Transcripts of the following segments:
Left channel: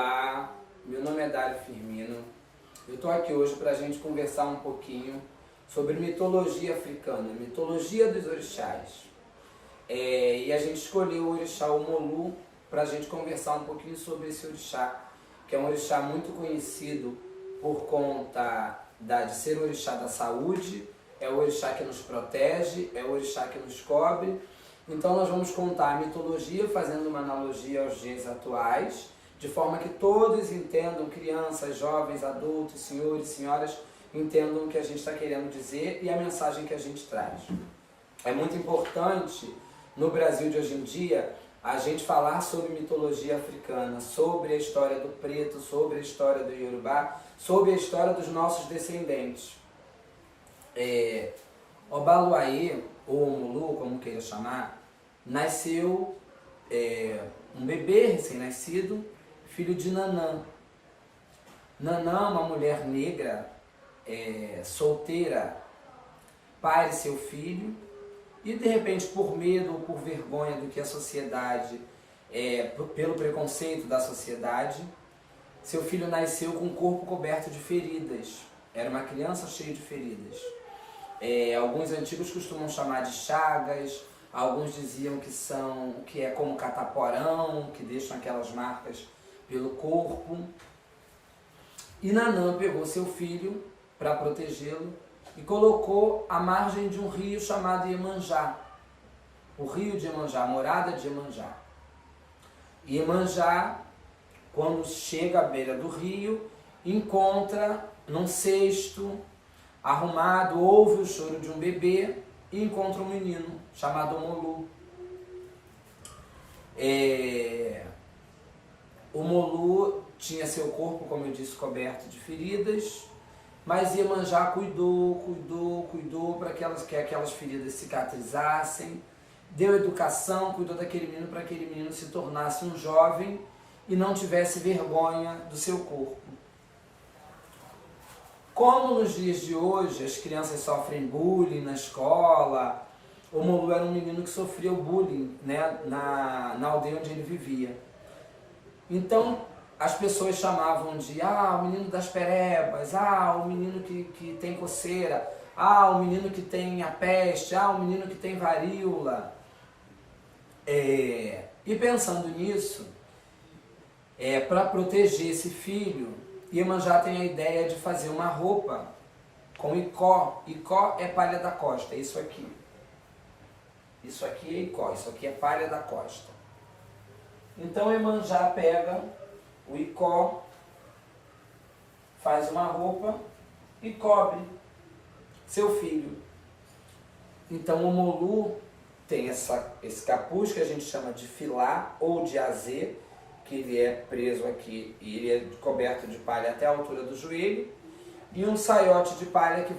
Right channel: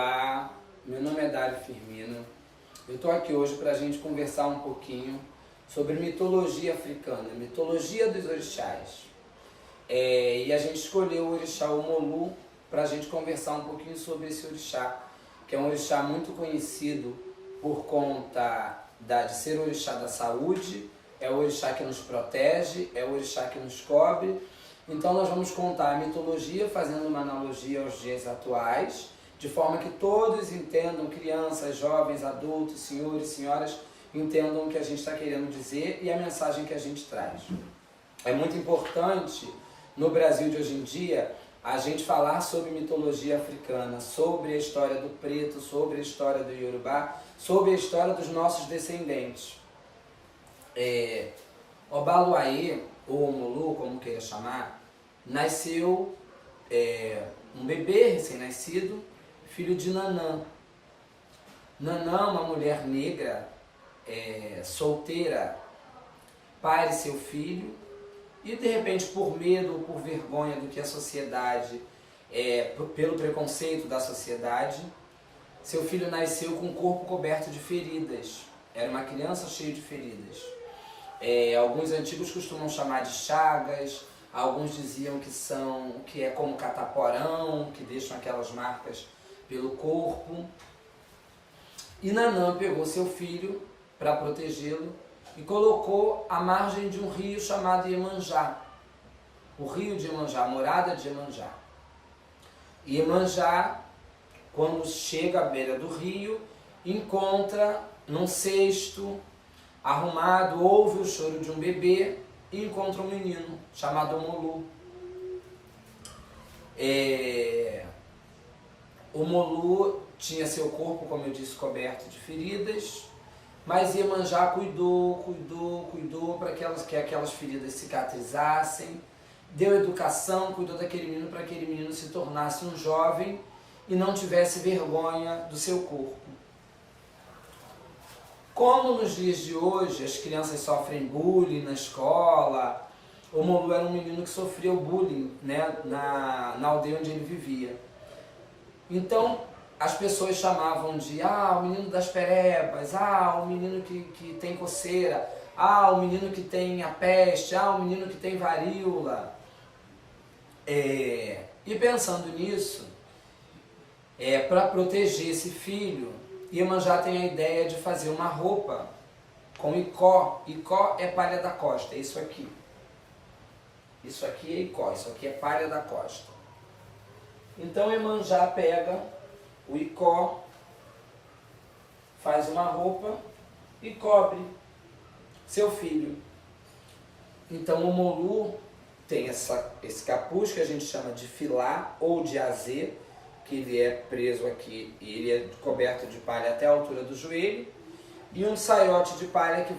Olá, meu nome é Dário Firmino. Eu estou aqui hoje para a gente conversar um pouquinho sobre mitologia africana, mitologia dos orixás. E a gente escolheu o orixá Omolu para a gente conversar um pouquinho sobre esse orixá, que é um orixá muito conhecido por conta de ser o orixá da saúde, é o orixá que nos protege, é o orixá que nos cobre. Então nós vamos contar a mitologia fazendo uma analogia aos dias atuais, de forma que todos entendam, crianças, jovens, adultos, senhores, senhoras, entendam o que a gente está querendo dizer e a mensagem que a gente traz. É muito importante, no Brasil de hoje em dia, a gente falar sobre mitologia africana, sobre a história do preto, sobre a história do Yorubá, sobre a história dos nossos descendentes. Obaluayê, ou Omolu, como queira chamar, nasceu um bebê recém-nascido, filho de Nanã. Nanã, uma mulher negra, solteira, pare seu filho e de repente, por medo ou por vergonha do que a sociedade, pelo preconceito da sociedade, seu filho nasceu com o corpo coberto de feridas. Era uma criança cheia de feridas. Alguns antigos costumam chamar de chagas, alguns diziam que é como cataporão, que deixam aquelas marcas pelo corpo. E Nanã pegou seu filho para protegê-lo e colocou à margem de um rio chamado Iemanjá, o rio de Iemanjá, a morada de Iemanjá. E Iemanjá, quando chega à beira do rio, encontra num cesto arrumado, ouve o choro de um bebê e encontra um menino chamado Omolu. Omolu tinha seu corpo, como eu disse, coberto de feridas, mas Iemanjá cuidou para que aquelas feridas cicatrizassem, deu educação, cuidou daquele menino para que aquele menino se tornasse um jovem e não tivesse vergonha do seu corpo. Como nos dias de hoje as crianças sofrem bullying na escola, Omolu era um menino que sofreu bullying, né, na aldeia onde ele vivia. Então as pessoas chamavam de o menino das perebas, o menino que tem coceira, o menino que tem a peste, o menino que tem varíola. E pensando nisso, para proteger esse filho, Iemanjá tem a ideia de fazer uma roupa com icó. Icó é palha da costa, é isso aqui. Isso aqui é icó, isso aqui é palha da costa. Então Iemanjá pega o icó, faz uma roupa e cobre seu filho. Então o Omolu tem esse capuz que a gente chama de filá ou de azê, que ele é preso aqui e ele é coberto de palha até a altura do joelho, e um saiote de palha que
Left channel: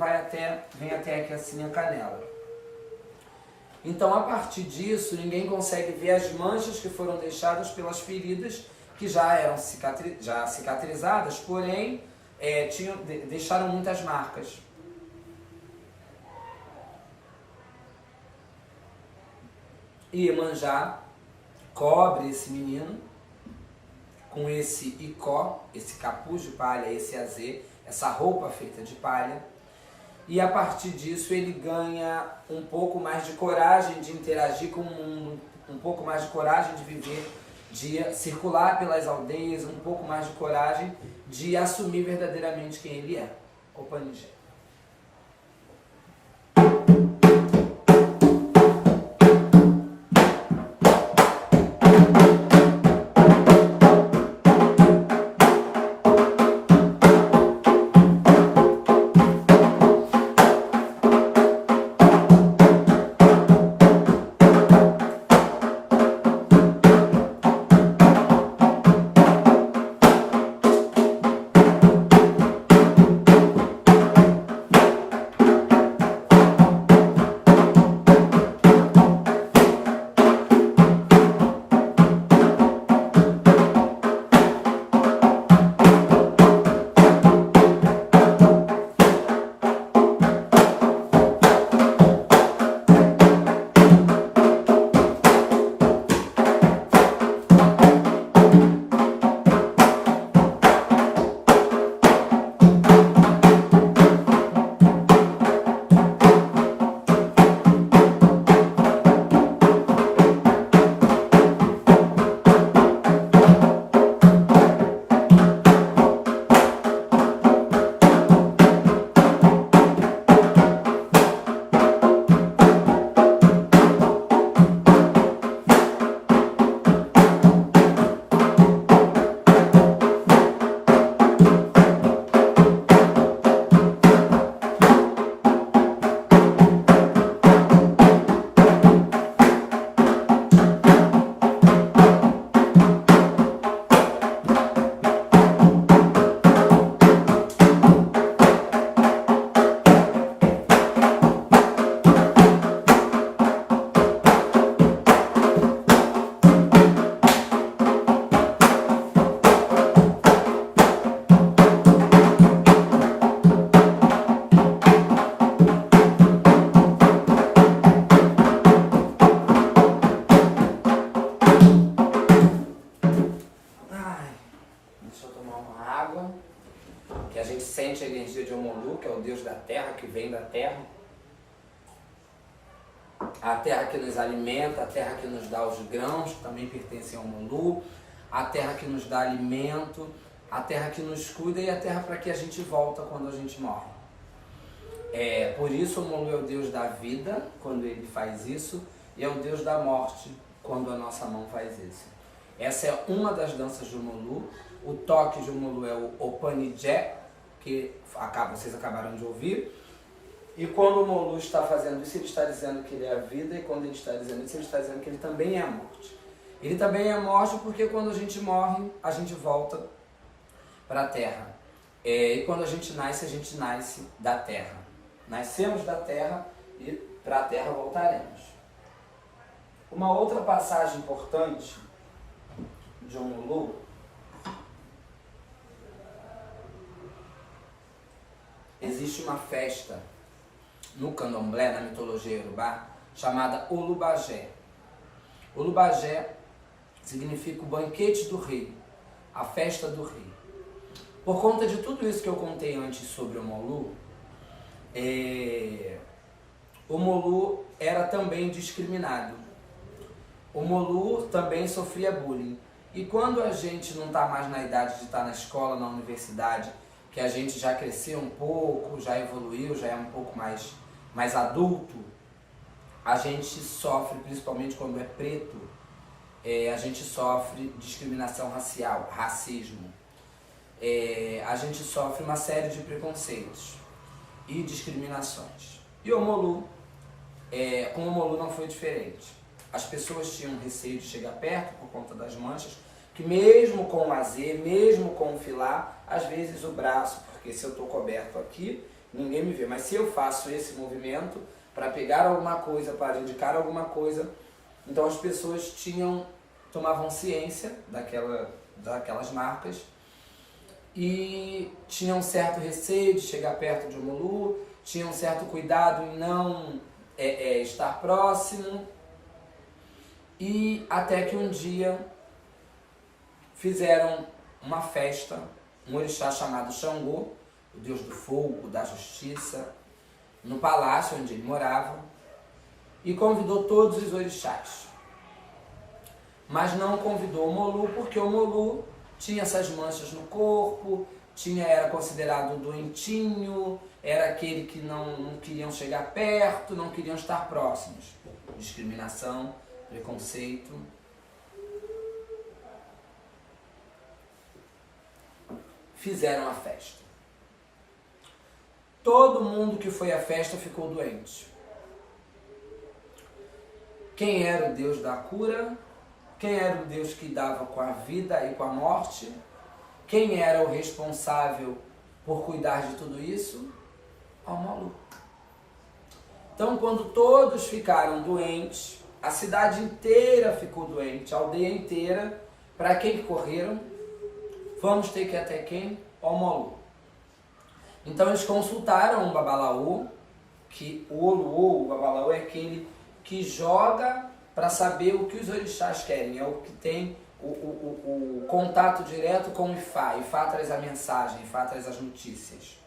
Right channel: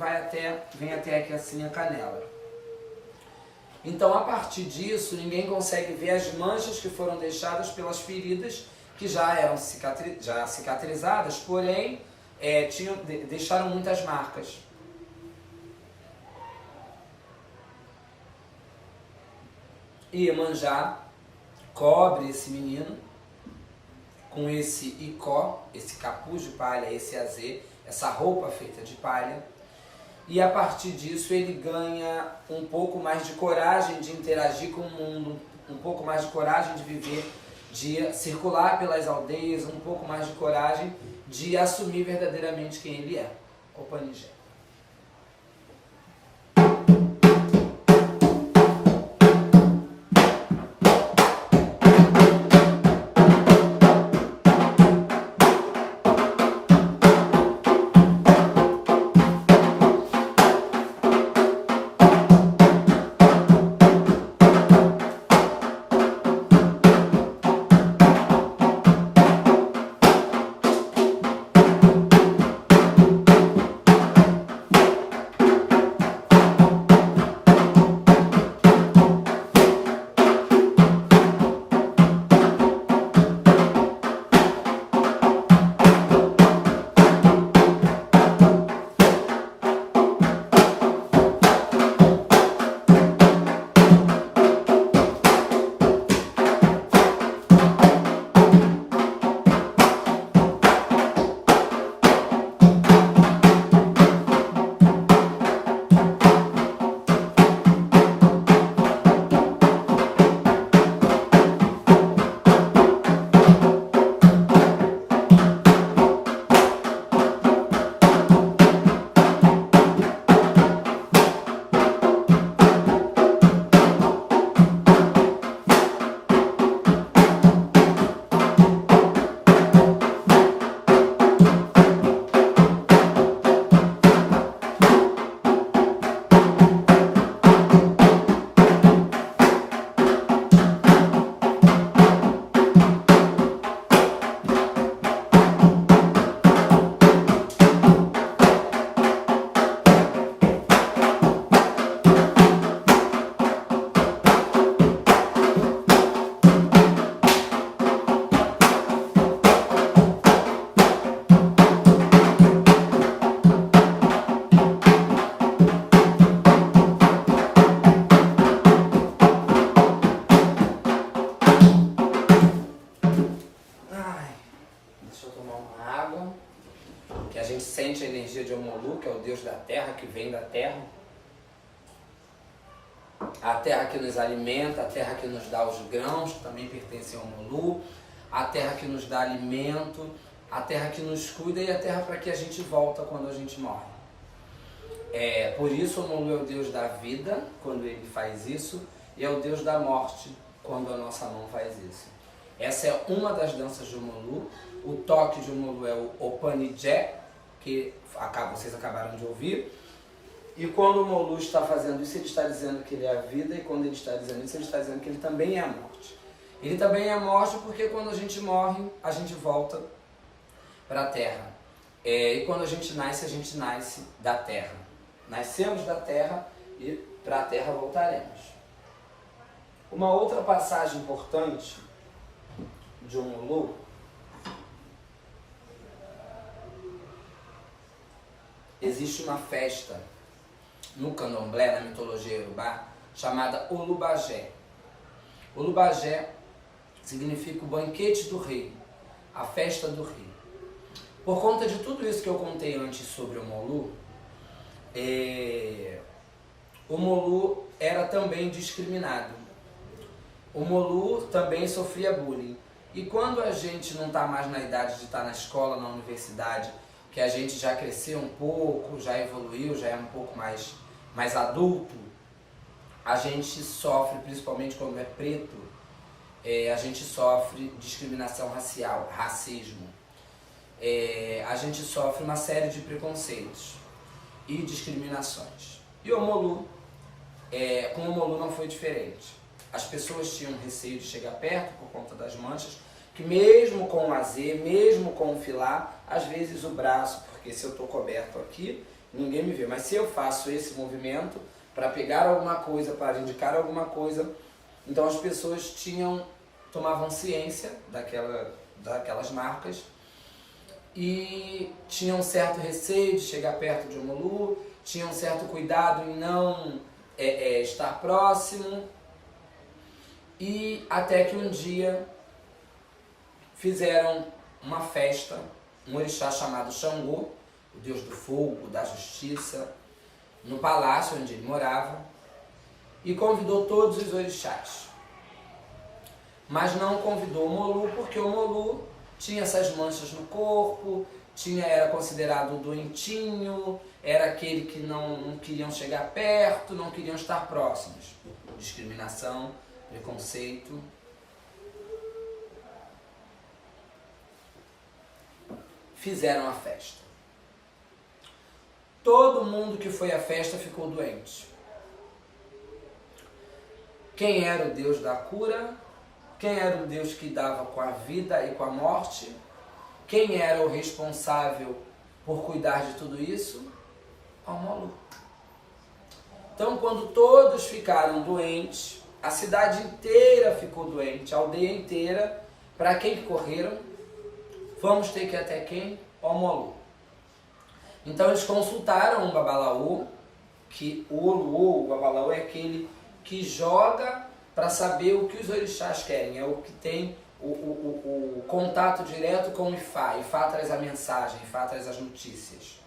vem até aqui assim a canela. Então, a partir disso, ninguém consegue ver as manchas que foram deixadas pelas feridas que já eram cicatrizadas, porém deixaram muitas marcas. E Iemanjá cobre esse menino com esse icó, esse capuz de palha, esse azê, essa roupa feita de palha. E a partir disso ele ganha um pouco mais de coragem de interagir com o mundo, um pouco mais de coragem de viver, de circular pelas aldeias, um pouco mais de coragem de assumir verdadeiramente quem ele é. Opanigé. Deixa eu tomar uma água. Que a gente sente a energia de Omolu, que é o Deus da terra, que vem da terra. A terra que nos alimenta, a terra que nos dá os grãos, que também pertencem ao Omolu. A terra que nos dá alimento, a terra que nos cuida e a terra para que a gente volta quando a gente morre. Por isso o Omolu é o Deus da vida, quando ele faz isso, e é o Deus da morte, quando a nossa mão faz isso. Essa é uma das danças de Omolu. O toque de Omolu é o Opanijé, que vocês acabaram de ouvir. E quando o Omolu está fazendo isso, ele está dizendo que ele é a vida, e quando ele está dizendo isso, ele está dizendo que ele também é a morte. Ele também é a morte porque quando a gente morre, a gente volta para a terra. E quando a gente nasce da terra. Nascemos da terra e para a terra voltaremos. Uma outra passagem importante de Omolu existe uma festa no candomblé, na mitologia iorubá, chamada Olubagé. Olubagé significa o banquete do rei, a festa do rei. Por conta de tudo isso que eu contei antes sobre o Omolu, o Omolu era também discriminado. O Omolu também sofria bullying. E quando a gente não está mais na idade de estar na escola, na universidade, que a gente já cresceu um pouco, já evoluiu, já é um pouco mais adulto, a gente sofre, principalmente quando é preto, a gente sofre discriminação racial, racismo. A gente sofre uma série de preconceitos e discriminações. E o Omolu, com o Omolu não foi diferente. As pessoas tinham receio de chegar perto por conta das manchas, que mesmo com o azê, mesmo com o filá, às vezes o braço, porque se eu estou coberto aqui, ninguém me vê. Mas se eu faço esse movimento para pegar alguma coisa, para indicar alguma coisa, então as pessoas tomavam ciência daquelas marcas e tinham um certo receio de chegar perto de Omolu, tinham um certo cuidado em não estar próximo. E até que um dia fizeram uma festa, um orixá chamado Xangô, o deus do fogo, da justiça, no palácio onde ele morava, e convidou todos os orixás. Mas não convidou o Omolu, porque o Omolu tinha essas manchas no corpo, era considerado doentinho, era aquele que não queriam chegar perto, não queriam estar próximos. Discriminação, preconceito. Fizeram a festa. Todo mundo que foi à festa ficou doente. Quem era o Deus da cura? Quem era o Deus que dava com a vida e com a morte? Quem era o responsável por cuidar de tudo isso? O Omolu. Então, quando todos ficaram doentes, a cidade inteira ficou doente, a aldeia inteira. Para quem que correram? Vamos ter que ir até quem? O Omolu. Então eles consultaram um babalaô, que o babalaô é aquele que joga para saber o que os orixás querem, é o que tem o contato direto com o Ifá. Ifá traz a mensagem, Ifá traz as notícias.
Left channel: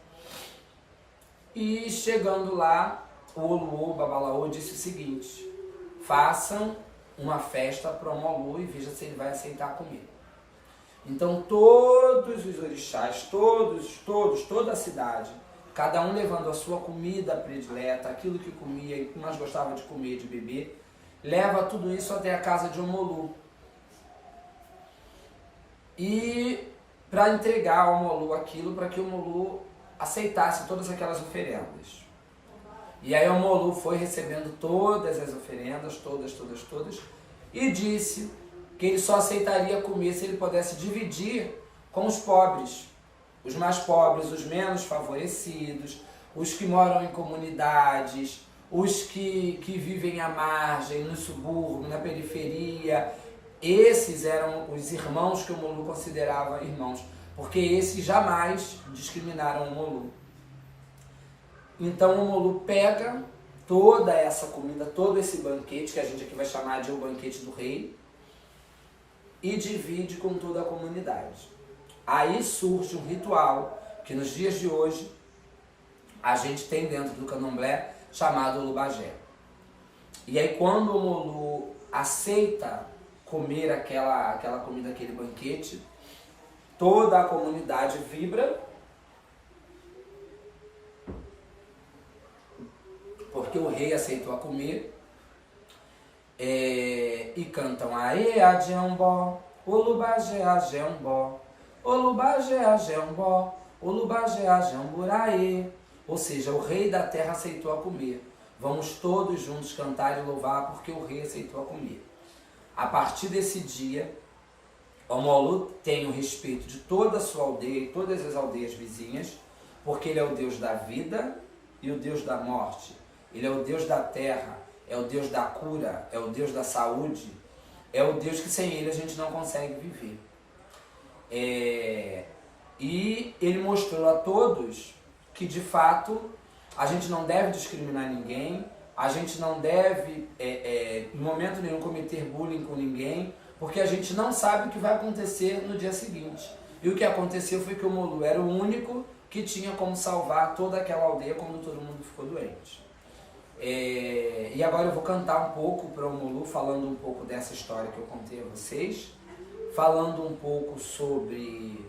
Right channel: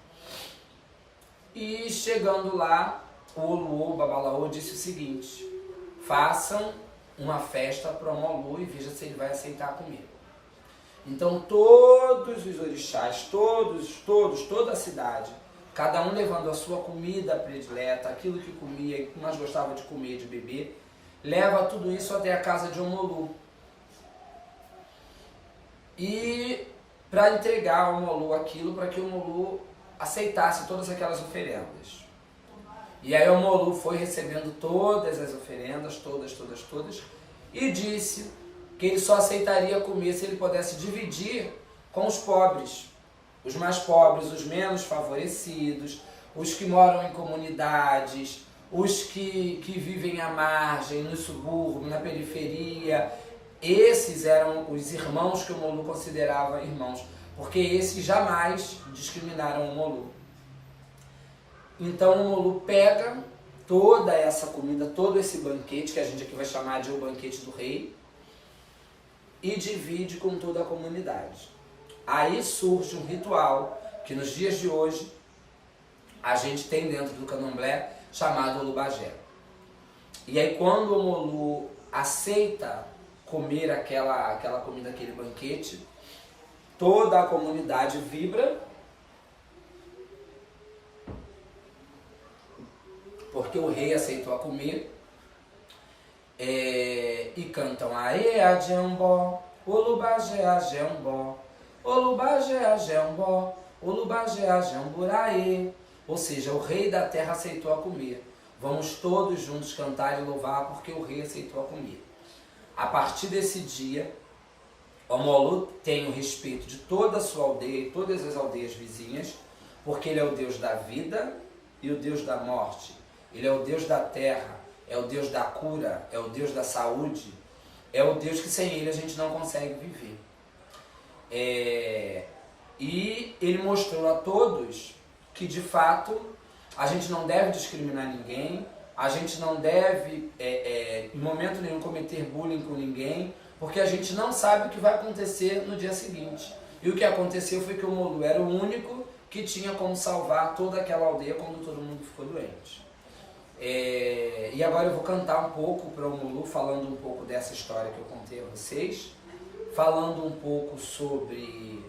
E chegando lá, o babalaô disse o seguinte: façam uma festa para o Omolu e veja se ele vai aceitar a comida. Então todos os orixás, toda a cidade, cada um levando a sua comida predileta, aquilo que comia e que mais gostava de comer e de beber, leva tudo isso até a casa de Omolu. E para entregar ao Omolu aquilo, para que o Omolu aceitasse todas aquelas oferendas. E aí o Omolu foi recebendo todas as oferendas, todas, e disse que ele só aceitaria comer se ele pudesse dividir com os pobres, os mais pobres, os menos favorecidos, os que moram em comunidades, os que vivem à margem, no subúrbio, na periferia. Esses eram os irmãos que o Omolu considerava irmãos, porque esses jamais discriminaram o Omolu. Então o Omolu pega toda essa comida, todo esse banquete, que a gente aqui vai chamar de o banquete do rei, e divide com toda a comunidade. Aí surge um ritual que nos dias de hoje a gente tem dentro do candomblé chamado Olubagé. E aí quando o Omolu aceita comer aquela comida, aquele banquete, toda a comunidade vibra, porque o rei aceitou a comer, e cantam Aê Adjambó, Olubagé Adjambó, Olubagé Adjambó, Olubagé Adjamburaê. Ou seja, o rei da terra aceitou a comer. Vamos todos juntos cantar e louvar porque o rei aceitou a comer. A partir desse dia, o Omolu tem o respeito de toda a sua aldeia e todas as aldeias vizinhas, porque ele é o Deus da vida e o Deus da morte. Ele é o Deus da terra, é o Deus da cura, é o Deus da saúde, é o Deus que sem ele a gente não consegue viver. E ele mostrou a todos que de fato a gente não deve discriminar ninguém, a gente não deve em momento nenhum cometer bullying com ninguém, porque a gente não sabe o que vai acontecer no dia seguinte. E o que aconteceu foi que o Omolu era o único que tinha como salvar toda aquela aldeia quando todo mundo ficou doente. E agora eu vou cantar um pouco para o Omolu, falando um pouco dessa história que eu contei a vocês, falando um pouco sobre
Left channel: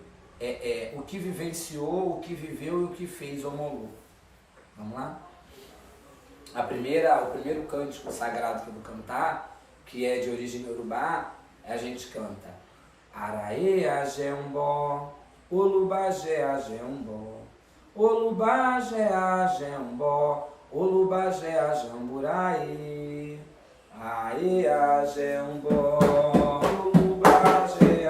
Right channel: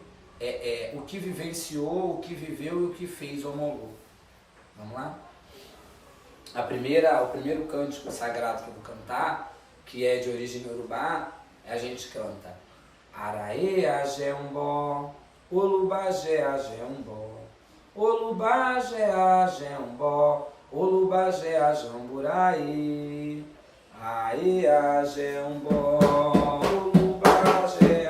o que vivenciou, o que viveu e o que fez o Omolu. Vamos lá? O primeiro cântico sagrado que eu vou cantar, que é de origem iorubá, a gente canta Araê Ajembó, Olubagé Ajembó, Olubagé Ajembó, Olubagé Ajamburaê, Aê Ajembó, Olubagé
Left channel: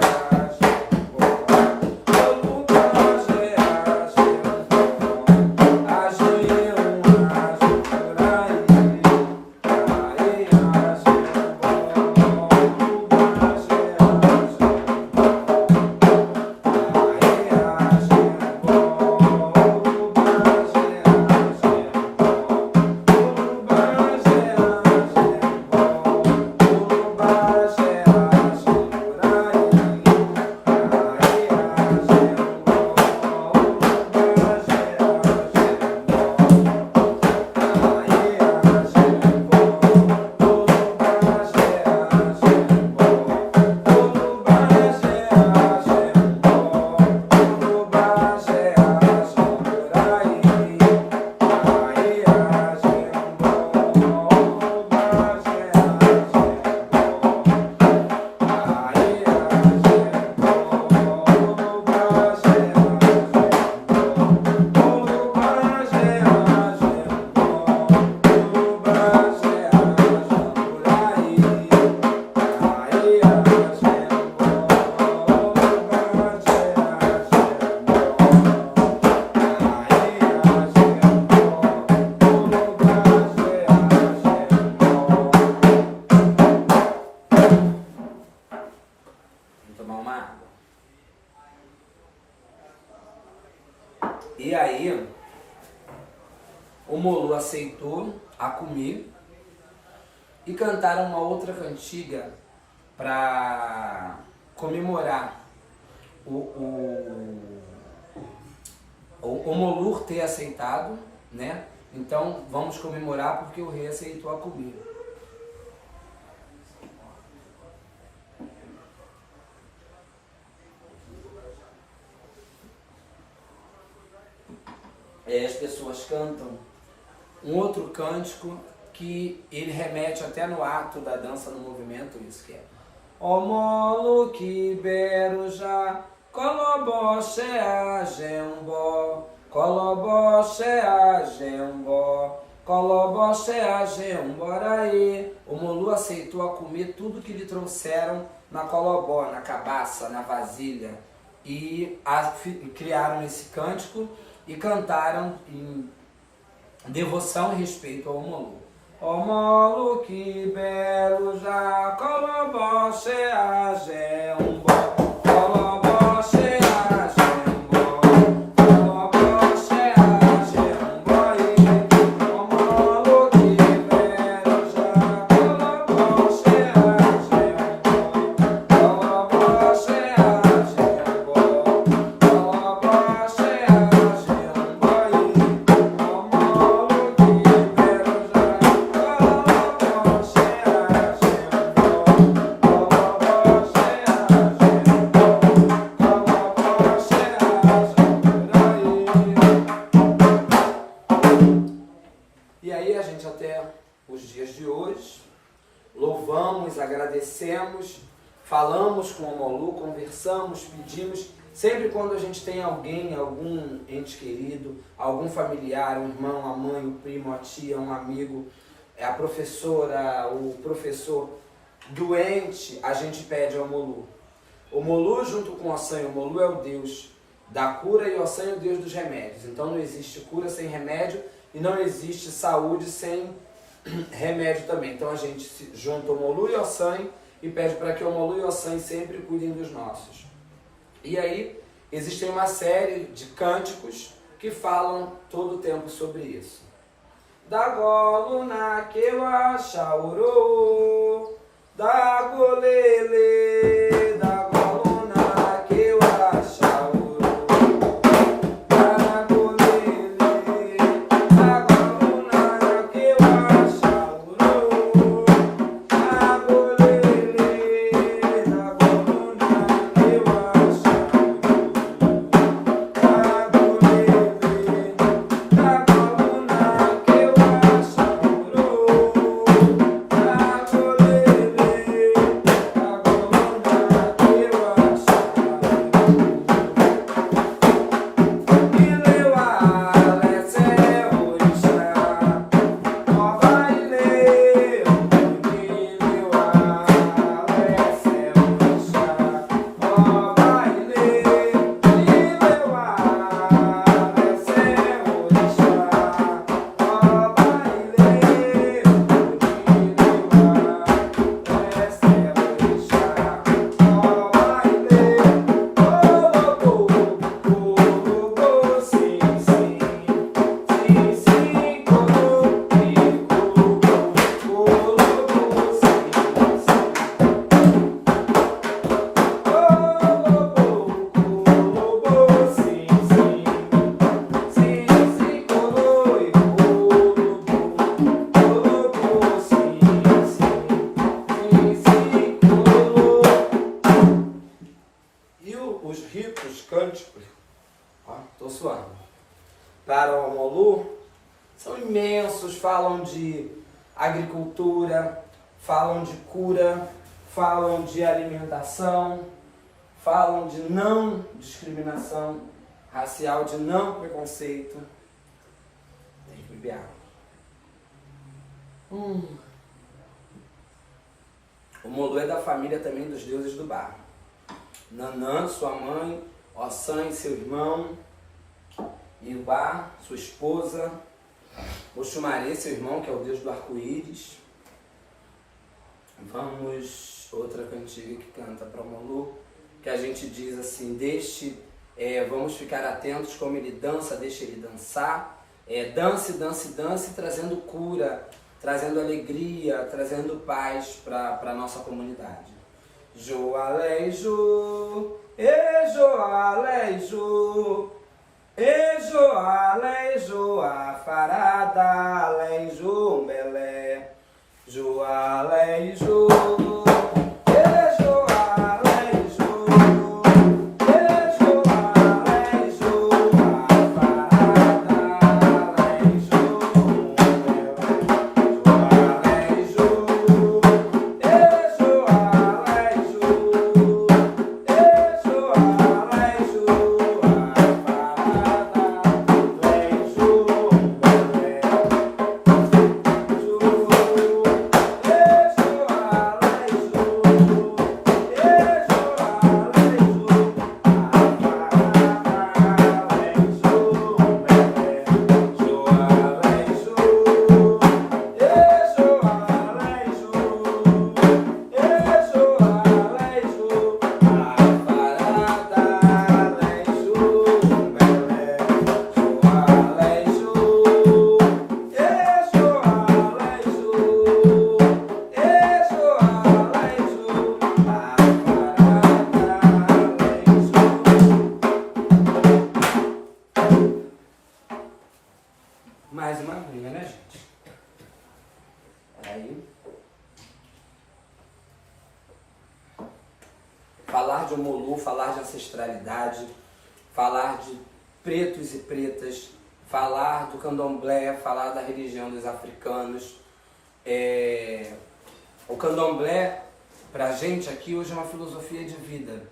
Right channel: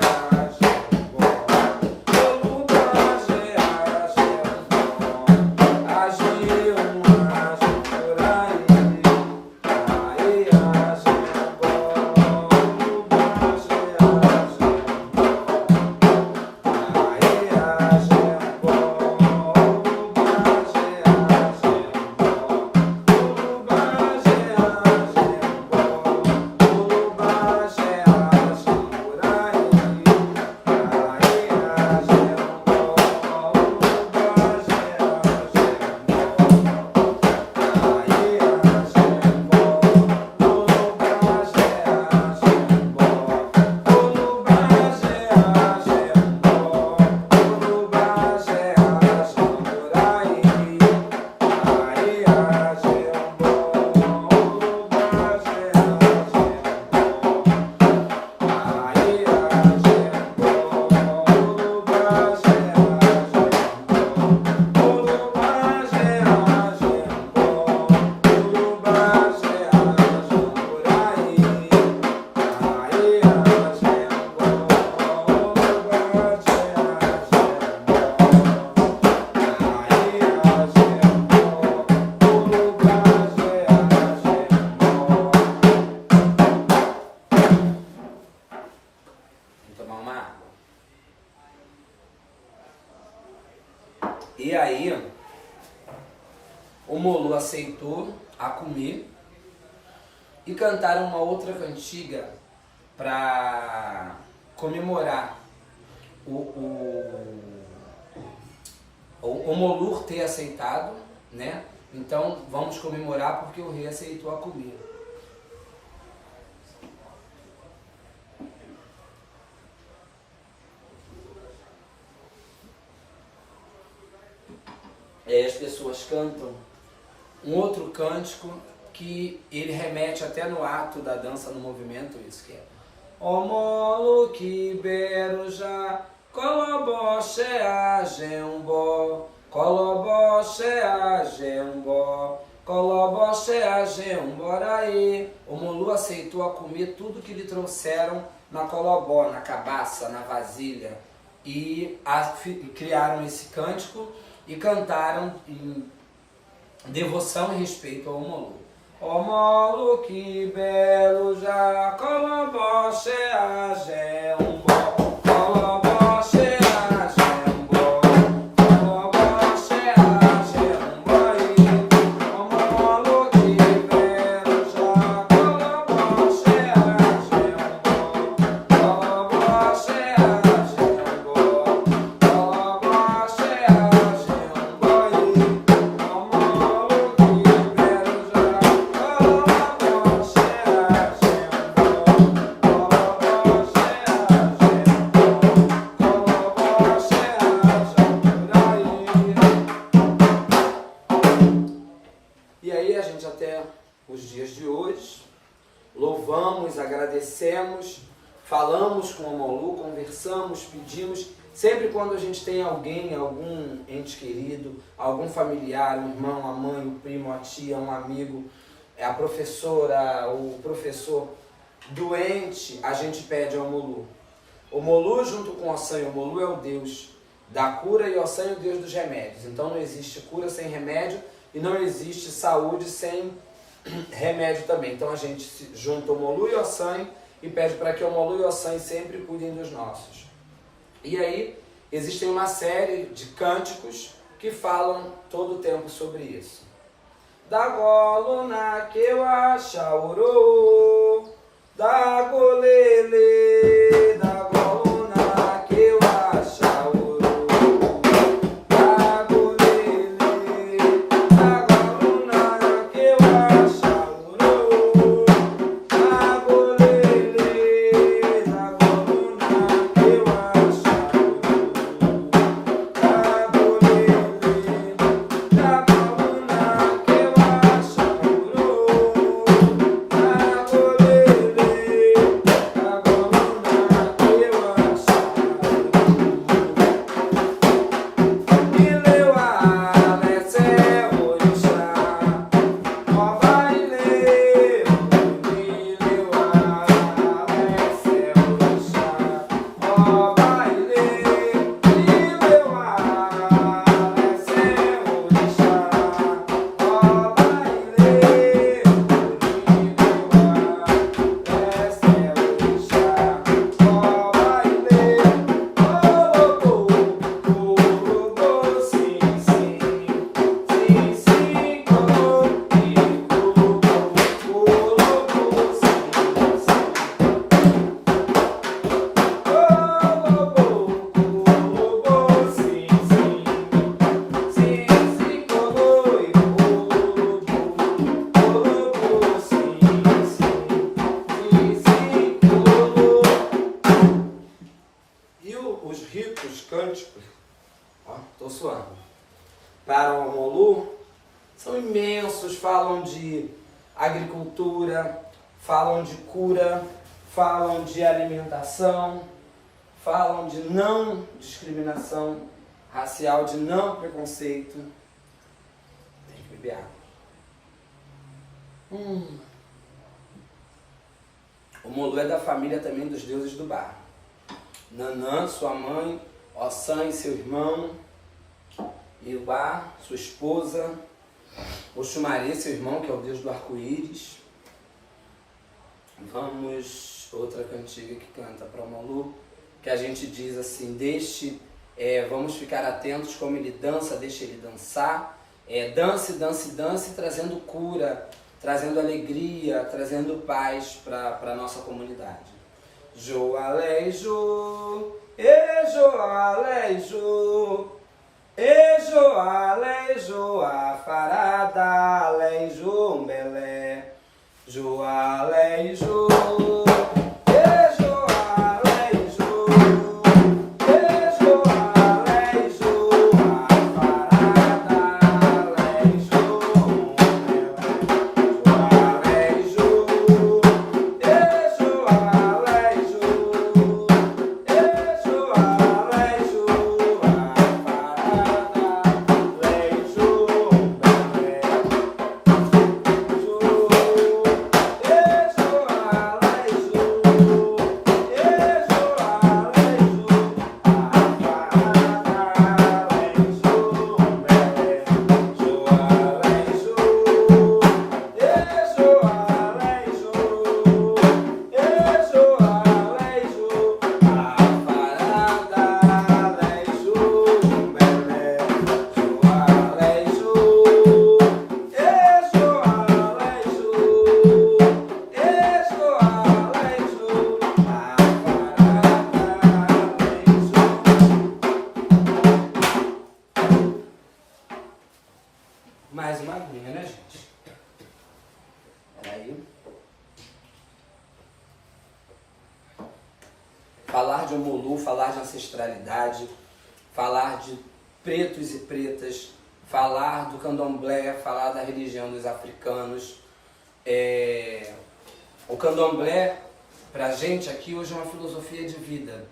E aí, o Omolu aceitou a comer e cantaram uma outra cantiga para comemorar o Omolu ter aceitado, né? Então vamos comemorar porque o rei aceitou a comer. As pessoas cantam um outro cântico que ele remete até no ato da dança, no movimento, isso que é Omolu Kiberujá, Kolobó Shea Jembó, Kolobó Shea Jembó, Kolobó Shea Jemboraê. O Omolu aceitou a comer tudo que lhe trouxeram na colobó, na cabaça, na vasilha, e criaram esse cântico e cantaram em devoção e respeito ao Omolu. Omolu Kiberujá, Kolobó Shea Jembó, Kolobó Shea Jembó, Kolobó Shea Jemboraê. Omolu Kiberujá, Kolobó Shea Jembó, Kolobó Shea Jembó, falamos com o Molu, conversamos, pedimos. Sempre quando a gente tem alguém, algum ente querido, algum familiar, um irmão, a mãe, o primo, a tia, um amigo, a professora, o professor doente, a gente pede ao Molu. O Molu junto com o Ossan, o Molu é o Deus da cura e o Ossan é o Deus dos remédios. Então não existe cura sem remédio e não existe saúde sem remédio também. Então a gente junta o Molu e o Ossan e pede para que o Molu e o Ossan sempre cuidem dos nossos. E aí existem uma série de cânticos que falam todo o tempo sobre isso. Da goluna que eu achauro, da golele, da goluna que eu achauro, da golele, da goluna que eu achauro, da golele, da goluna que eu achauro, da golele, da goluna que eu para o Molu são imensos, falam de agricultura, falam de cura, falam de alimentação, falam de não discriminação racial, de não preconceito. Tem que beber água. O Molu é da família também dos deuses do barro. Nanã, sua mãe, Ossan e seu irmão, Iubá, sua esposa, Oxumaré, seu irmão, que é o deus do arco-íris. Vamos, outra cantiga que canta para o Molu, que a gente diz assim, vamos ficar atentos como ele dança, deixa ele dançar. Dance, dance, dance, trazendo cura, trazendo alegria, trazendo paz para a nossa comunidade. Joalejo, Joalejo, Joalejo, a farada, Alejo, Melé, Joalejo. Mais uma aguinha, né, gente? Peraí. Falar de Molu, falar de ancestralidade, falar de pretos e pretas, falar do candomblé, falar da religião dos africanos. O candomblé, Pra gente aqui hoje é uma filosofia de vida.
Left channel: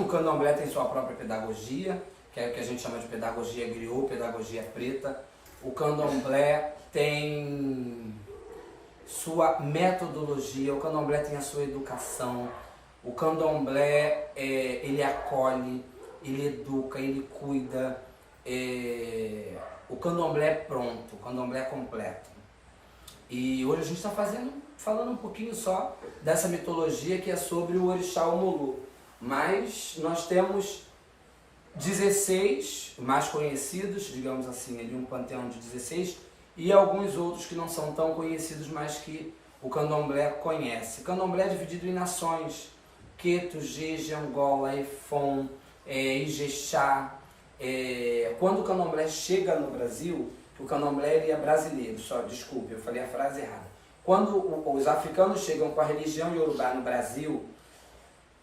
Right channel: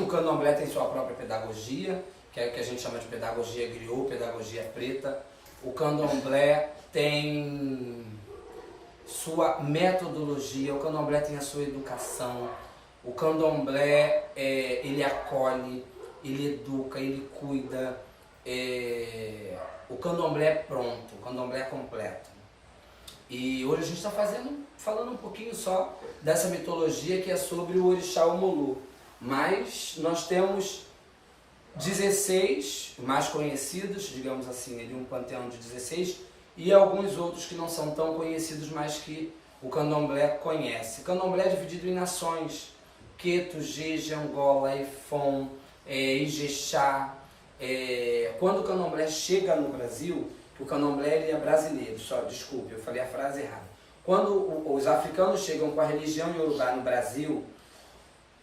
O candomblé tem sua própria pedagogia, que é o que a gente chama de pedagogia griot, pedagogia preta. O candomblé tem sua metodologia, o candomblé tem a sua educação. O candomblé, ele acolhe, ele educa, ele cuida. O candomblé é pronto, o candomblé é completo. E hoje a gente está falando um pouquinho só dessa mitologia que é sobre o orixá Omulu. Mas nós temos 16 mais conhecidos, digamos assim, ali um panteão de 16, e alguns outros que não são tão conhecidos, mas que o candomblé conhece. O candomblé é dividido em nações: Queto, Jeje, Angola, Efon, Ijexá. Quando o candomblé chega no Brasil, que o candomblé ele é brasileiro, desculpe, eu falei a frase errada. Quando os africanos chegam com a religião iorubá no Brasil,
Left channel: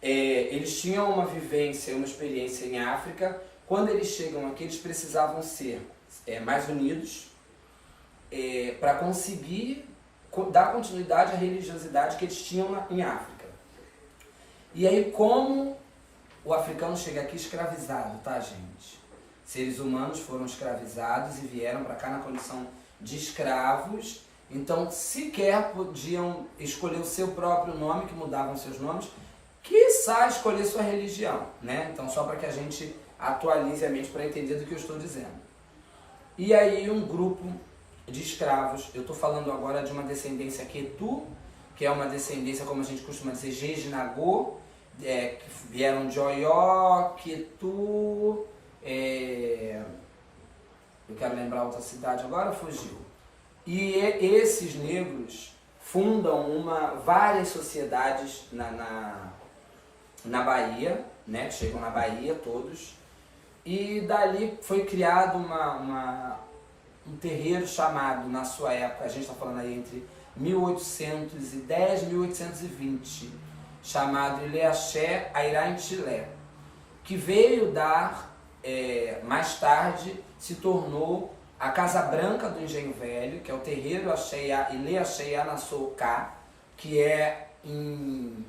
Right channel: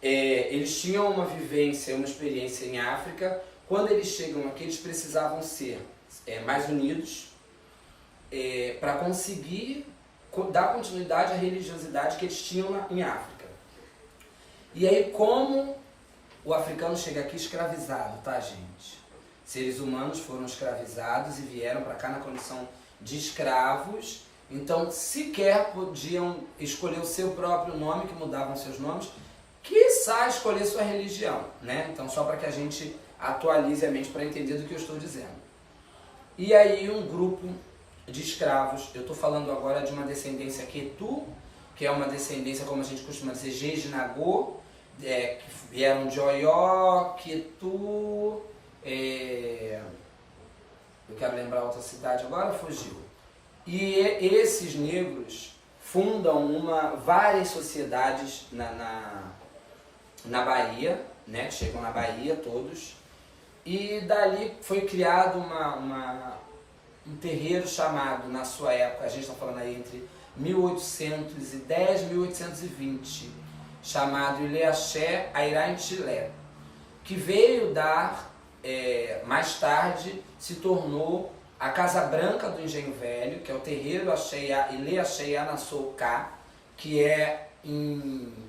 eles tinham uma vivência, uma experiência em África. Quando eles chegam aqui, eles precisavam ser mais unidos para conseguir dar continuidade à religiosidade que eles tinham em África. E aí, como o africano chega aqui escravizado, tá, gente? Seres humanos foram escravizados e vieram para cá na condição de escravos, então sequer podiam escolher o seu próprio nome, que mudavam seus nomes, quiçá escolher sua religião, né? Então, só para que a gente atualize a mente para entender do que eu estou dizendo. E aí, um grupo de escravos, eu estou falando agora de uma descendência Quetu, que é uma descendência, como a gente costuma dizer, Jeje-Nagô, que vieram de Oió, Quetu, eu quero lembrar outra cidade agora, fugiu. E esses negros fundam várias sociedades na Bahia, né? Chegam na Bahia todos, e dali foi criado um terreiro chamado, na sua época, a gente está falando aí entre 1810 e 1820, chamado Ilê-Axé Airá Intilé, que veio dar, mais tarde, se tornou a Casa Branca do Engenho Velho, que é o terreiro Ilê-Axé Anassouká, que é em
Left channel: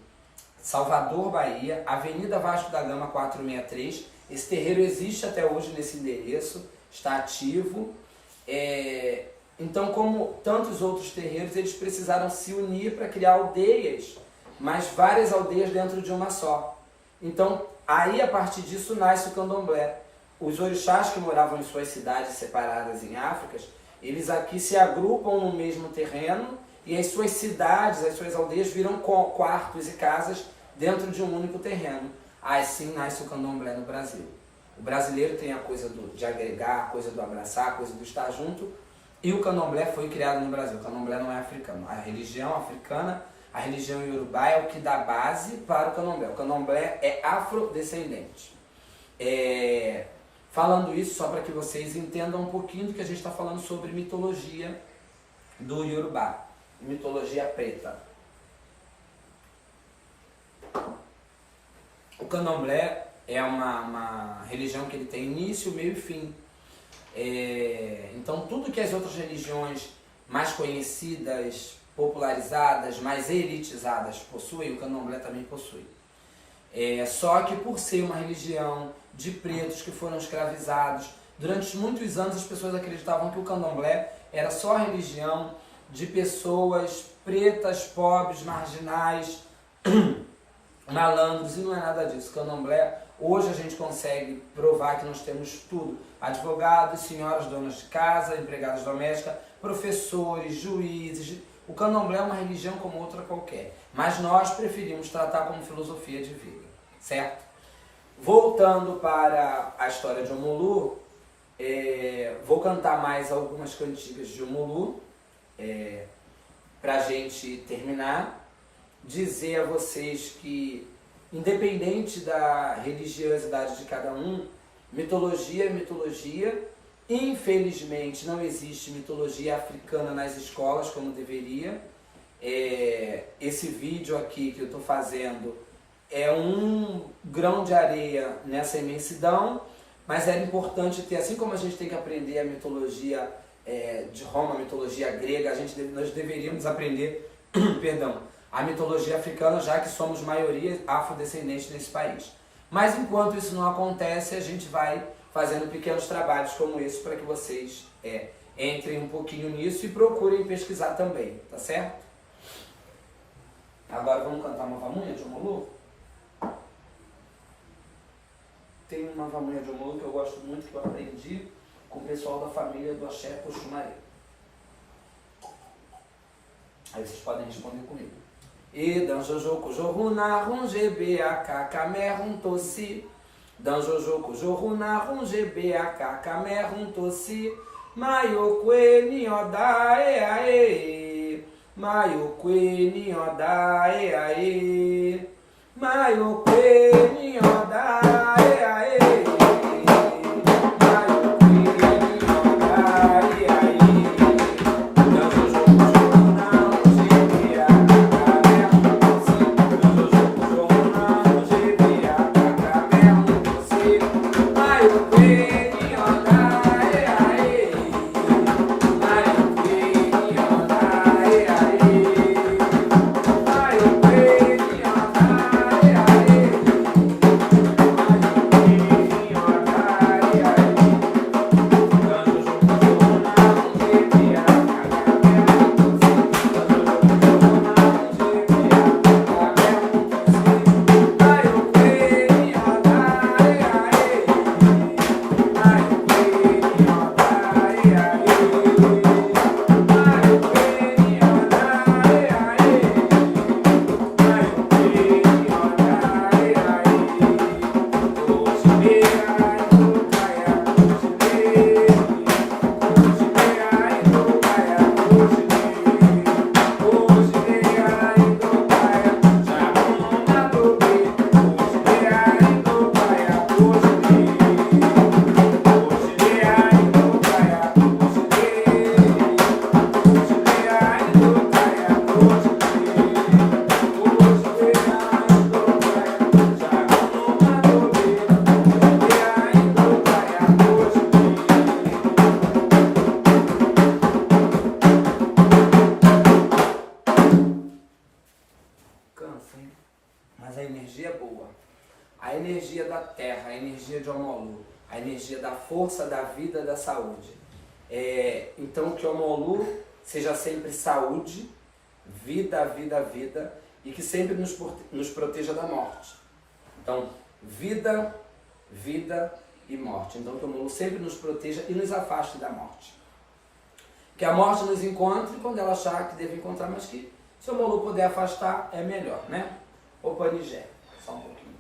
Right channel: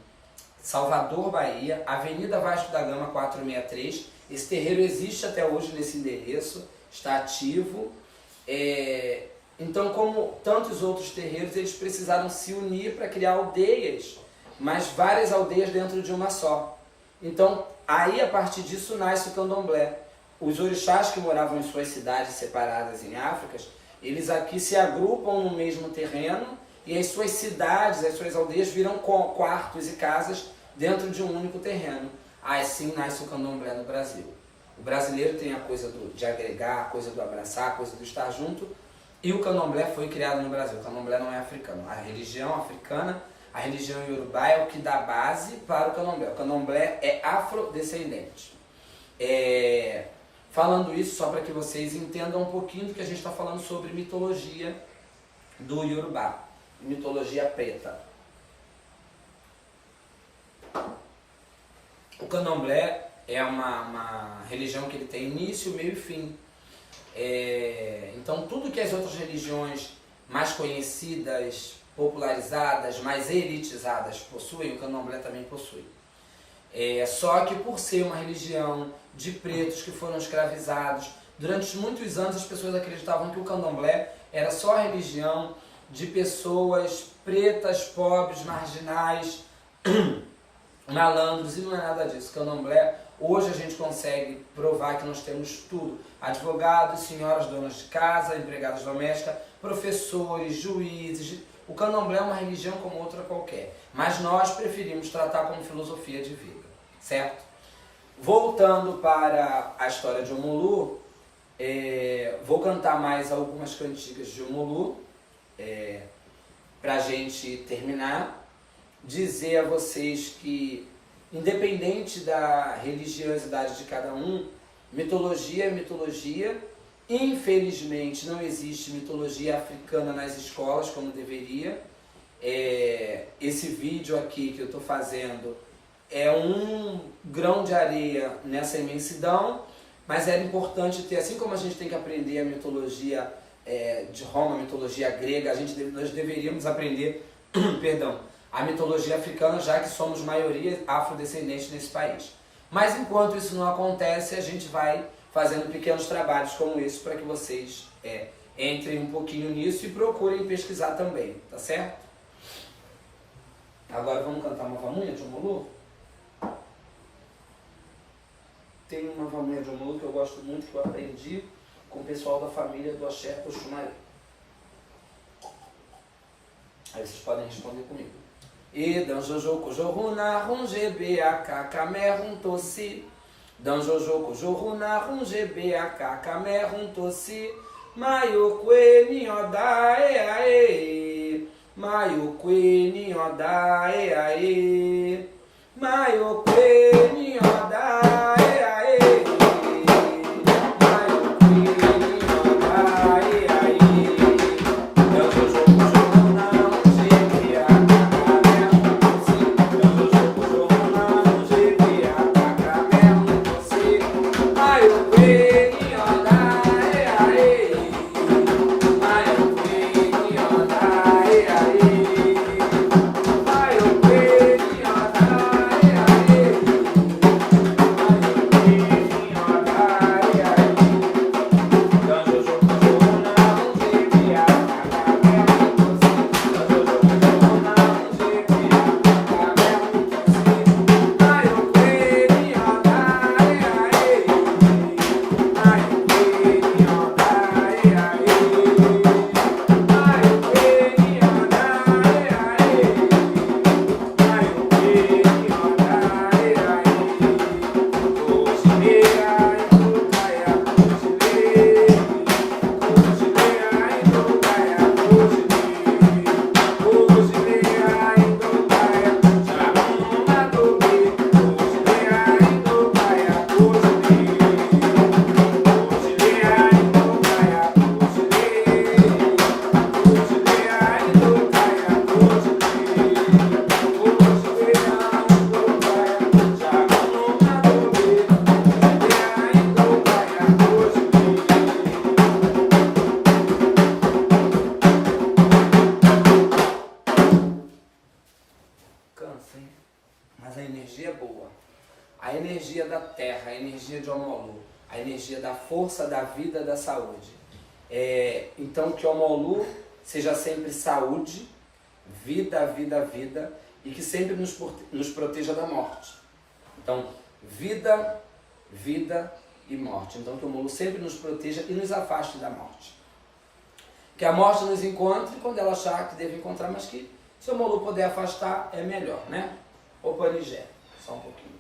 Salvador, Bahia, Avenida Vasco da Gama 463. Esse terreiro existe até hoje nesse endereço, está ativo. Então, como tantos outros terreiros, eles precisaram se unir para criar aldeias, mas várias aldeias dentro de uma só. Então, aí a partir disso nasce o candomblé. Os orixás que moravam em suas cidades separadas em África, eles aqui se agrupam no mesmo terreno e as suas cidades, as suas aldeias viram quartos e casas dentro de um único terreno. Assim nasce o candomblé no Brasil. O brasileiro tem a coisa de agregar, a coisa do abraçar, a coisa do estar junto, e o candomblé foi criado no Brasil. O candomblé não é africano. A religião africana, a religião iorubá é o que dá base para o candomblé. O candomblé é afrodescendente. Falando isso, só para que vocês entendam um pouquinho do que a gente está falando sobre mitologia do Iorubá, mitologia preta. O candomblé é uma religião que ele tem início, meio e fim. Então, tudo que as outras religiões mais conhecidas, popularizadas, mais elitizadas possuem, o candomblé também possui. Só que por ser uma religião de pretos que foram escravizados, durante muitos anos as pessoas acreditavam que o candomblé era só a religião de pessoas pretas, pobres, marginais, malandros, e não é nada disso. Candomblé, hoje a gente consegue provar que nós temos tudo: advogados, senhoras donas de casa, empregadas domésticas, professores, juízes. O candomblé é uma religião como outra qualquer, mas nós preferimos tratar como filosofia de vida, certo? Voltando para a história de Omulu, vou cantar mais algumas cantigas de Omulu, para a gente terminar. Dizer a vocês que, independente da religiosidade de cada um, mitologia é mitologia. Infelizmente não existe mitologia africana nas escolas como deveria. Esse vídeo aqui que eu estou fazendo é um grão de areia nessa imensidão, mas era importante ter, assim como a gente tem que aprender a mitologia de Roma, a mitologia grega, nós deveríamos aprender perdão, a mitologia africana, já que somos maioria afrodescendente nesse país. Mas enquanto isso não acontece, a gente vai fazendo pequenos trabalhos como esse para que vocês entrem um pouquinho nisso e procurem pesquisar também, tá certo? Agora vamos cantar uma vamunha de Omolu? Tem uma vamunha de Omolu que eu gosto muito, que eu aprendi com o pessoal da família do Axé Poxumaré. Aí vocês podem responder comigo. E danjojoco joruna rungebe akakame runtosi. Danjojoco joruna rungebe akakame runtosi. Maiokwe nioda ae. Maiokwe nioda ae. Maiokwe nioda ae. Mas a energia é boa. A energia da terra, a energia de Omolu, a energia da força, da vida, da saúde. Então que Omolu seja sempre saúde, vida, vida, vida, e que sempre nos proteja da morte. Então, vida, vida e morte. Então que o Omolu sempre nos proteja e nos afaste da morte. Que a morte nos encontre quando ela achar que deve encontrar, mas que se o Omolu puder afastar, é melhor, né? O Panigé, só um pouquinho.